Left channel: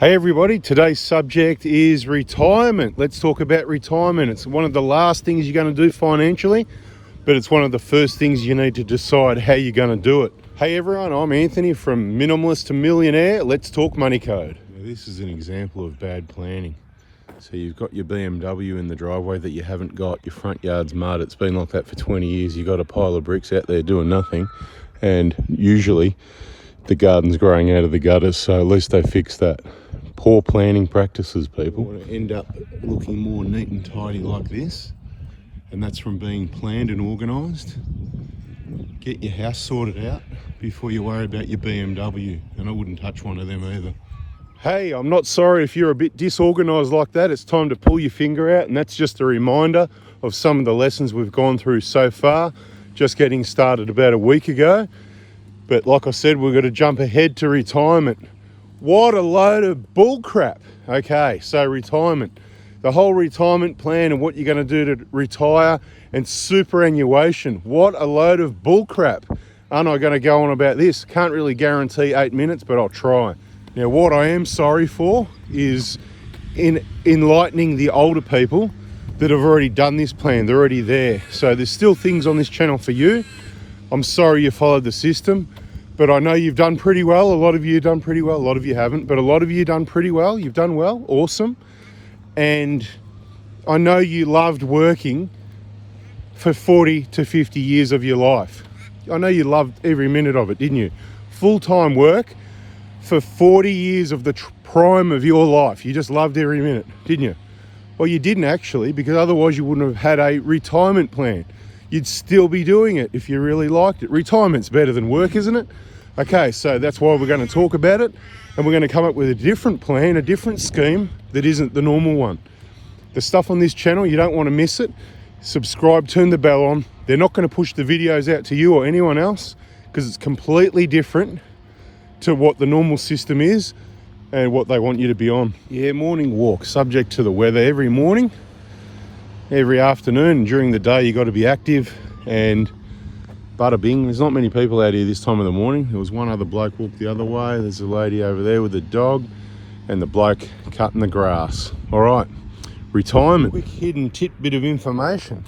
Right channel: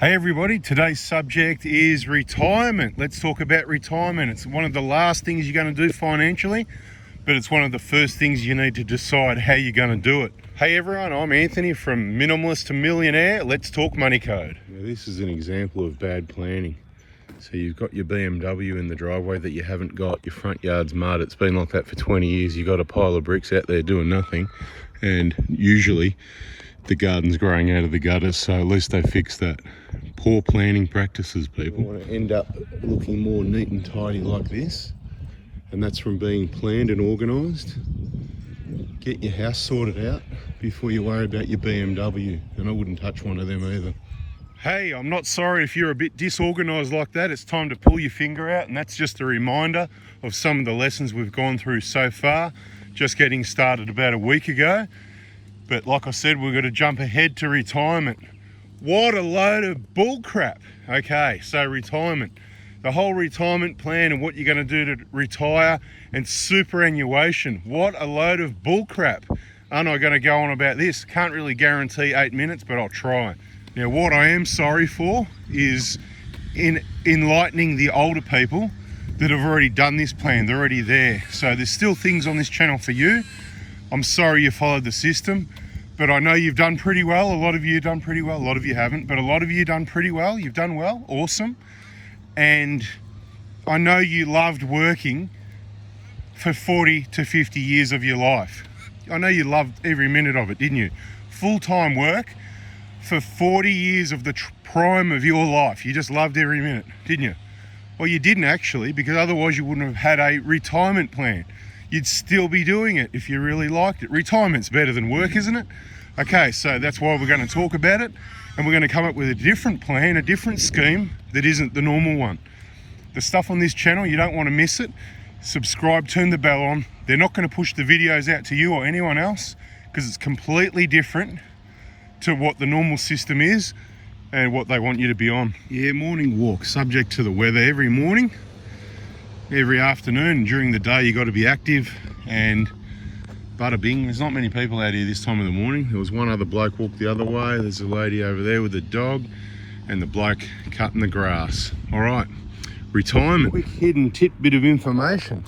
Hey everybody, today's subject is retirement. Let's talk about retirement. It's one of the last things you're going to do financially, but it's one of the first things you need to decide how you're going to do it. Hey everyone, I'm Anthony from Minimalist to Millionaire. Let's talk money code. Now, this is an example of bad planning. So you've got your BMW in the driveway that you haven't got, your front yard's mud, it's been like that for 20 years, you've got a pile of bricks out there doing nothing, and usually the garden's growing out of the gutters, so at least they fix that. Poor planning practices, people. You want to end up looking more neat and tidy like this, and that's from being planned and organised. Get your house sorted out before you worry about your BMW, and I wouldn't touch one of them either. Hey, I'm not sorry if you're a bit disorganised like that. It's time to pull your finger out, and that's just a reminder of some of the lessons we've gone through so far, just getting started about a week ago. But like I said, we're going to jump ahead to retirement. What a load of bull crap. Okay, so retirement. The whole retirement plan and what you're going to do to retire and superannuation. What a load of bull crap. Aren't I going to go on about this? Can't really guarantee 8 minutes, but I'll try. Now, what I am sorry for is in enlightening the older people that have already done this plan. They're already there. So there's still things on this channel for you. I'm sorry you followed the system, but I know you've done pretty well. A lot of you have done pretty well. A lot of you haven't, but a lot of you have done pretty well. You've done well. Awesome. And I know you loved working for 40 to 50 years of your life. I know you loved every minute of it, didn't you? Full-time work for 40 years of the prime of your life. You just loved every minute, didn't you? Well, you didn't actually, because otherwise you wouldn't have had a retirement plan. You'd still be doing it if you really liked it. Retirement's better than work, isn't it? Okay, so that's why we're going to talk about it, and we're going to come up with a different plan, a different scheme that isn't the normal one. The stuff on this channel, you don't want to miss it. Subscribe, turn the bell on. They're not going to push the videos out to you or anyone else because it's completely different to what the normal system is and what they want you to be on. Yeah, morning walk, subject to the weather every morning. Every afternoon and during the day you got to be active, and bada bing, there's not many people out here this time of the morning. There was one other bloke walked the other way. There's a lady over there with a dog and the bloke cutting the grass. All right, retirement. Quick hidden tidbit of information.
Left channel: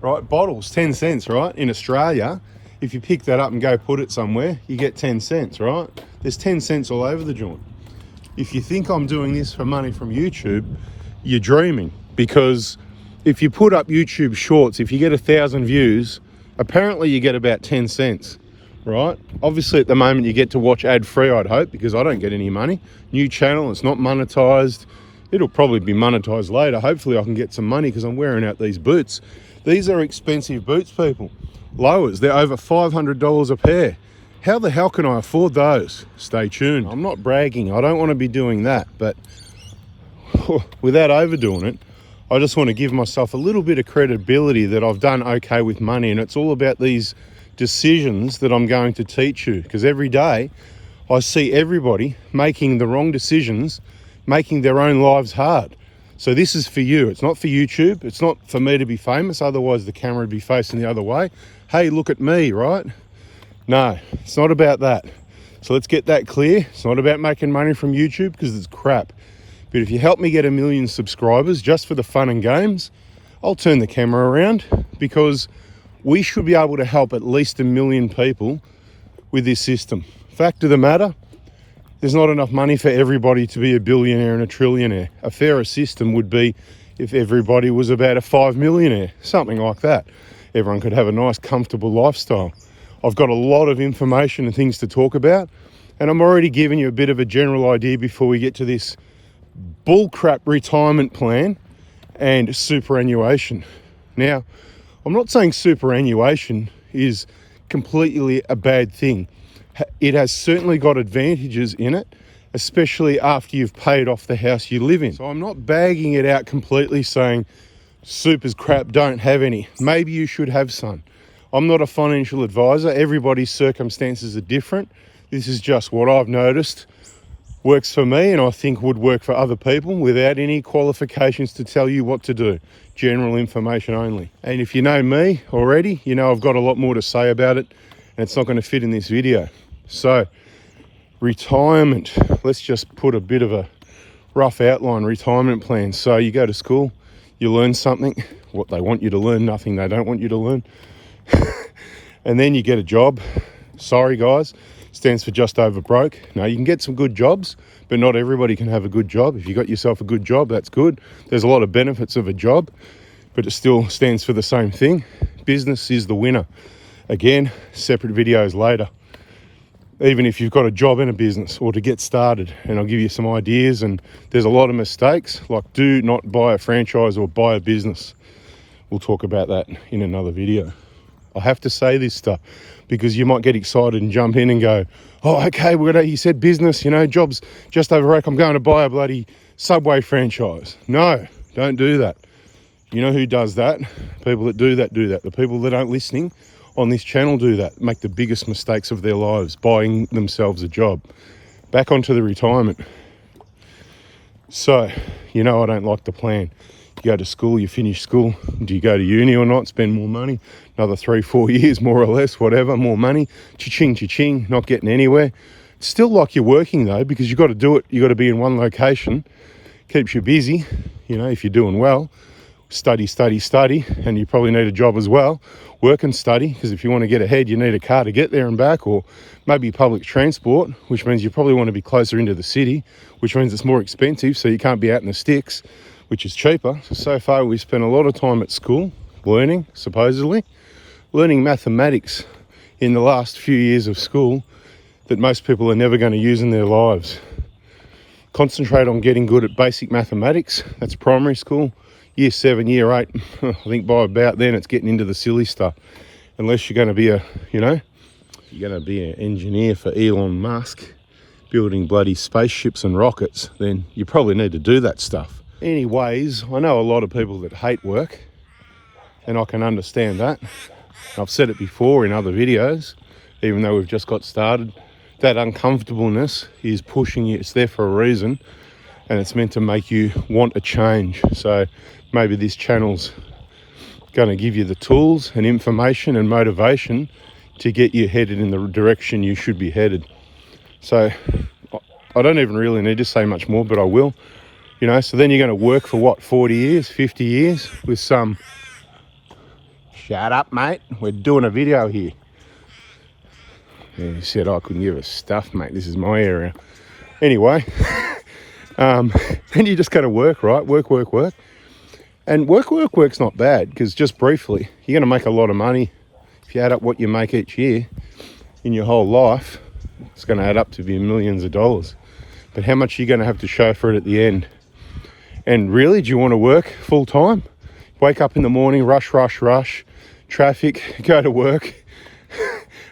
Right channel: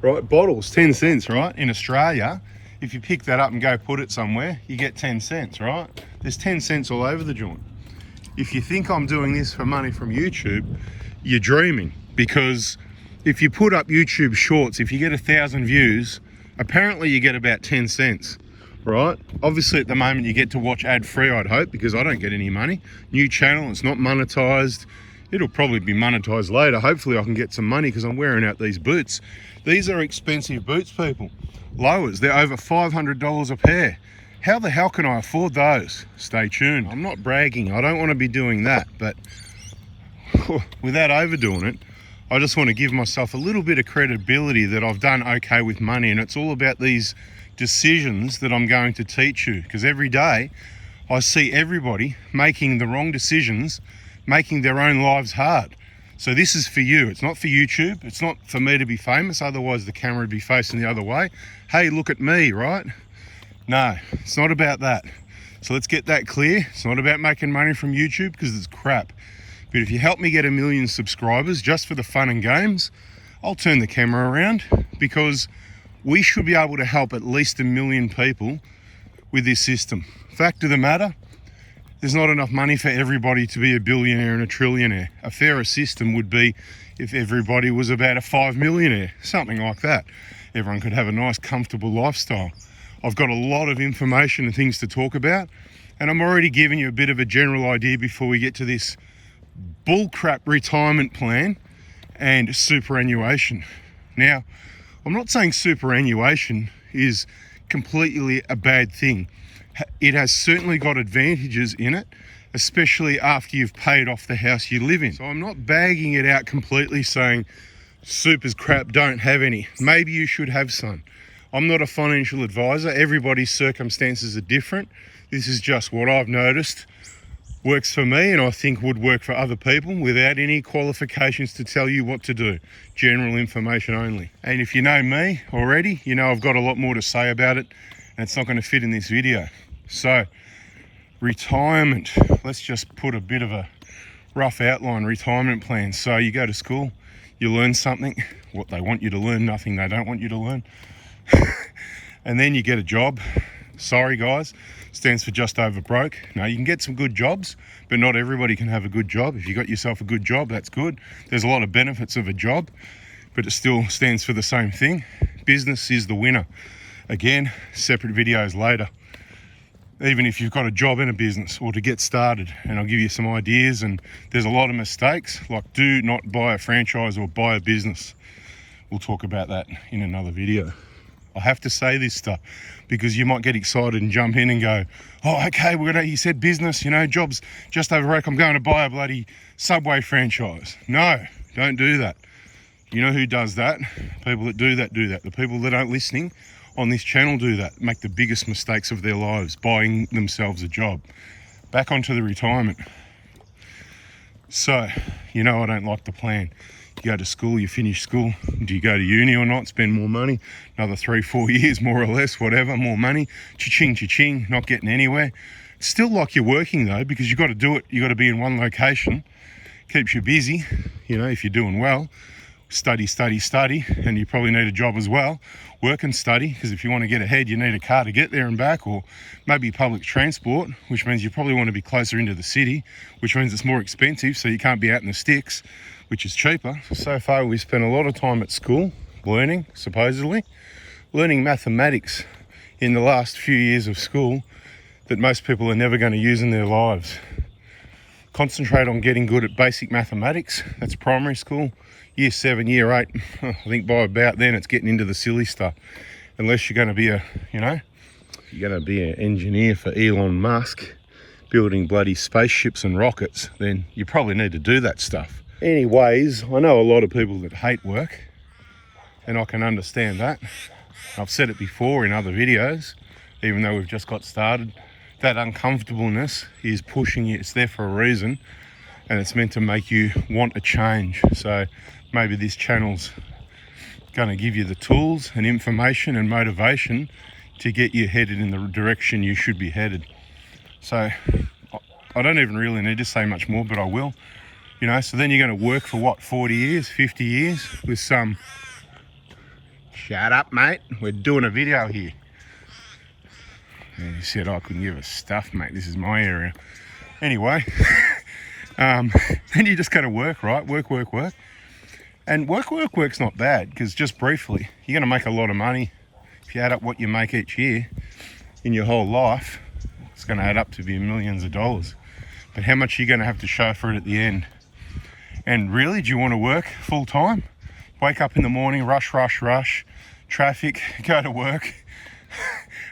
Right, bottles, 10 cents, right? In Australia, if you pick that up and go put it somewhere, you get 10 cents, right? There's 10 cents all over the joint. If you think I'm doing this for money from YouTube, you're dreaming. Because if you put up YouTube shorts, if you get 1,000 views, apparently you get about 10 cents, right? Obviously at the moment you get to watch ad free, I'd hope, because I don't get any money. New channel, it's not monetized. It'll probably be monetized later. Hopefully I can get some money because I'm wearing out these boots. These are expensive boots, people. Lowers, they're over $500 a pair. How the hell can I afford those? Stay tuned. I'm not bragging, I don't want to be doing that, but without overdoing it, I just want to give myself a little bit of credibility that I've done okay with money, and it's all about these decisions that I'm going to teach you, because every day I see everybody making the wrong decisions, making their own lives hard. So this is for you. It's not for YouTube. It's not for me to be famous, otherwise the camera would be facing the other way. Hey, look at me, right? No, it's not about that. So let's get that clear. It's not about making money from YouTube because it's crap. But if you help me get 1 million subscribers just for the fun and games, I'll turn the camera around, because we should be able to help at least 1 million people with this system. Fact of the matter, there's not enough money for everybody to be a billionaire and a trillionaire. A fairer system would be if everybody was about a 5 millionaire, something like that. Everyone could have a nice, comfortable lifestyle. I've got a lot of information and things to talk about, and I'm already giving you a bit of a general idea before we get to this bullcrap retirement plan and superannuation. Now, I'm not saying superannuation is completely a bad thing. It has certainly got advantages in it, especially after you've paid off the house you live in. So I'm not bagging it out completely saying super's crap, don't have any. Maybe you should have some. I'm not a financial advisor. Everybody's circumstances are different. This is just what I've noticed works for me, and I think would work for other people without any qualifications to tell you what to do. General information only. And if you know me already, you know I've got a lot more to say about it, and it's not going to fit in this video. So Retirement. Let's just put a bit of a rough outline retirement plan. So you go to school, you learn something, what they want you to learn, nothing they don't want you to learn. And then you get a job. Sorry guys, stands for just over broke. Now you can get some good jobs, but not everybody can have a good job. If you got yourself a good job, that's good. There's a lot of benefits of a job, but it still stands for the same thing. Business is the winner. Again, separate videos later. Even if you've got a job and a business, or to get started, and I'll give you some ideas. And there's a lot of mistakes, like do not buy a franchise or buy a business. We'll talk about that in another video. I have to say this stuff because you might get excited and jump in and go, oh, okay, he said business, you know, jobs just over rack, I'm going to buy a bloody Subway franchise. No, don't do that. You know who does that? People that do that, do that. The people that aren't listening on this channel do that, make the biggest mistakes of their lives, buying themselves a job. Back onto the retirement. So, you know I don't like the plan. You go to school, you finish school. Do you go to uni or not? Spend more money? Another 3-4 years, more or less, whatever, more money. Cha-ching, cha-ching, not getting anywhere. It's still like you're working though, because you've got to do it. You've got to be in one location. Keeps you busy, you know, if you're doing well. Study, study, study, and you probably need a job as well. Work and study, because if you want to get ahead, you need a car to get there and back, or maybe public transport, which means you probably want to be closer into the city, which means it's more expensive, so you can't be out in the sticks, which is cheaper. So far, we spent a lot of time at school learning, supposedly, learning mathematics in the last few years of school that most people are never going to use in their lives. Concentrate on getting good at basic mathematics. That's primary school. Year 7, year 8, I think by about then it's getting into the silly stuff. Unless you're going to be you're going to be an engineer for Elon Musk, building bloody spaceships and rockets, then you probably need to do that stuff. Anyways, I know a lot of people that hate work, and I can understand that. I've said it before in other videos, even though we've just got started. That uncomfortableness is pushing you, it's there for a reason, and it's meant to make you want a change. So maybe this channel's going to give you the tools and information and motivation to get you headed in the direction you should be headed. So I don't even really need to say much more, but I will. You know, so then you're going to work for what, 40 years, 50 years with some... Shut up, mate. We're doing a video here. And he said I couldn't give a stuff, mate. This is my area. Anyway, then you just got to work, right? Work. And work's not bad, because just briefly, you're going to make a lot of money. If you add up what you make each year in your whole life, it's going to add up to be millions of dollars. But how much are you going to have to show for it at the end? And really, do you want to work full time? Wake up in the morning, rush, traffic, go to work.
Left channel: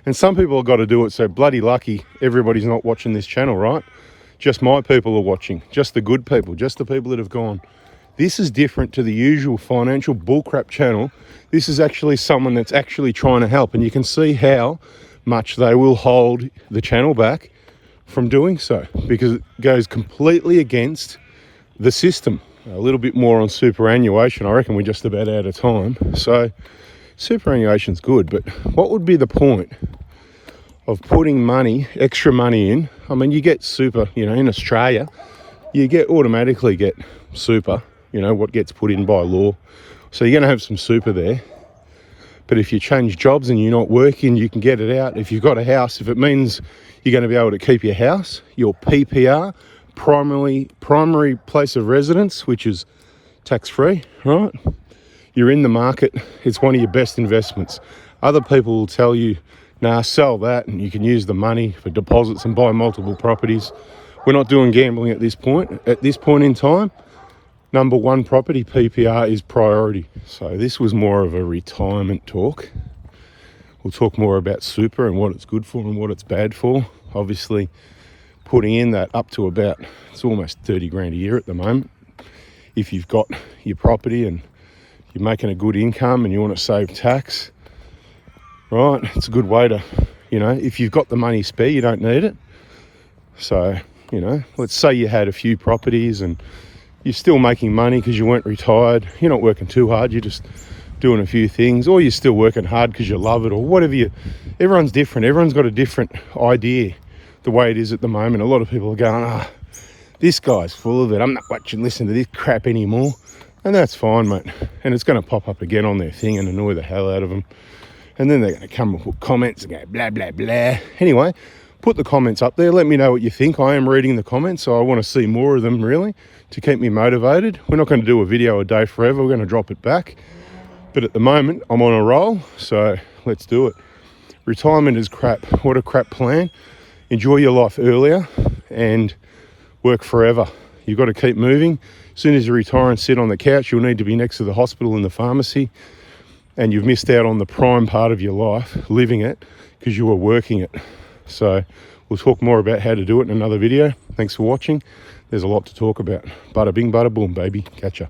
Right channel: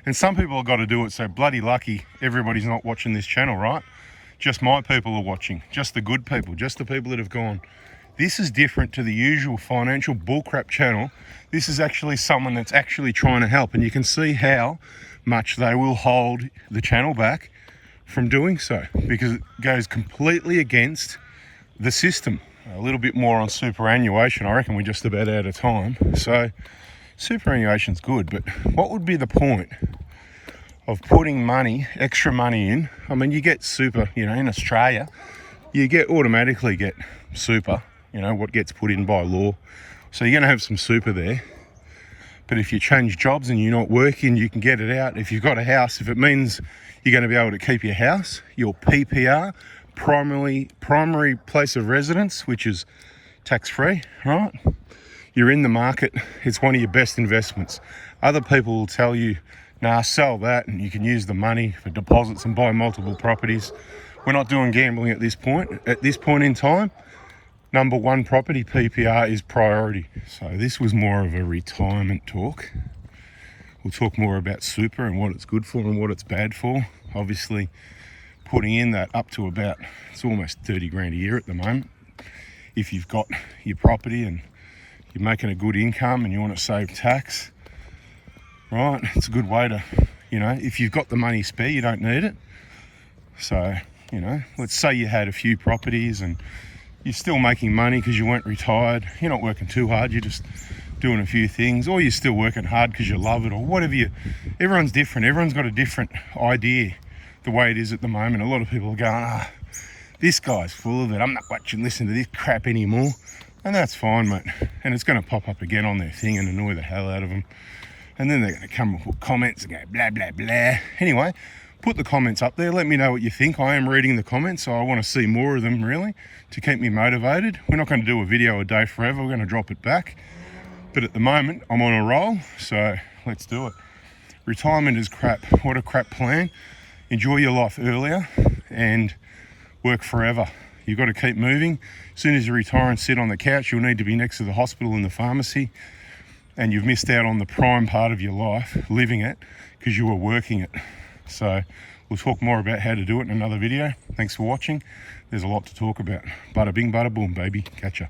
And some people have got to do it, so bloody lucky everybody's not watching this channel, right? Just my people are watching, just the good people, just the people that have gone, this is different to the usual financial bullcrap channel. This is actually someone that's actually trying to help, and you can see how much they will hold the channel back from doing so, because it goes completely against the system. A little bit more on superannuation. I reckon we're just about out of time. So superannuation's good, but what would be the point of putting money, extra money in? I mean, you get super, you know, in Australia, you automatically get super, you know, what gets put in by law. So you're going to have some super there. But if you change jobs and you're not working, you can get it out. If you've got a house, if it means you're going to be able to keep your house, your PPR, primary place of residence, which is tax-free, right? You're in the market. It's one of your best investments. Other people will tell you, nah, sell that and you can use the money for deposits and buy multiple properties. We're not doing gambling at this point. At this point in time, number one property, PPR, is priority. So this was more of a retirement talk. We'll talk more about super and what it's good for and what it's bad for. Obviously, putting in that up to about, it's almost 30 grand a year at the moment. If you've got your property and you're making a good income and you want to save tax, right, it's a good way to, you know, if you've got the money spare, you don't need it. So, you know, let's say you had a few properties and you're still making money because you weren't retired. You're not working too hard. You're just doing a few things, or you're still working hard because you love it, or whatever everyone's different. Everyone's got a different idea, the way it is at the moment. A lot of people are going, oh, this guy's full of it. I'm not watching, listening to this crap anymore. And that's fine, mate. And it's going to pop up again on their thing and annoy the hell out of them. And then they're going to come with comments and go blah, blah, blah. Anyway, put the comments up there. Let me know what you think. I am reading the comments, so I want to see more of them, really, to keep me motivated. We're not going to do a video a day forever. We're going to drop it back. But at the moment, I'm on a roll, so let's do it. Retirement is crap. What a crap plan. Enjoy your life earlier and work forever. You've got to keep moving. As soon as you retire and sit on the couch, you'll need to be next to the hospital and the pharmacy. And you've missed out on the prime part of your life, living it, because you were working it. So we'll talk more about how to do it in another video. Thanks for watching. There's a lot to talk about. Bada bing, bada boom, baby. Catch ya.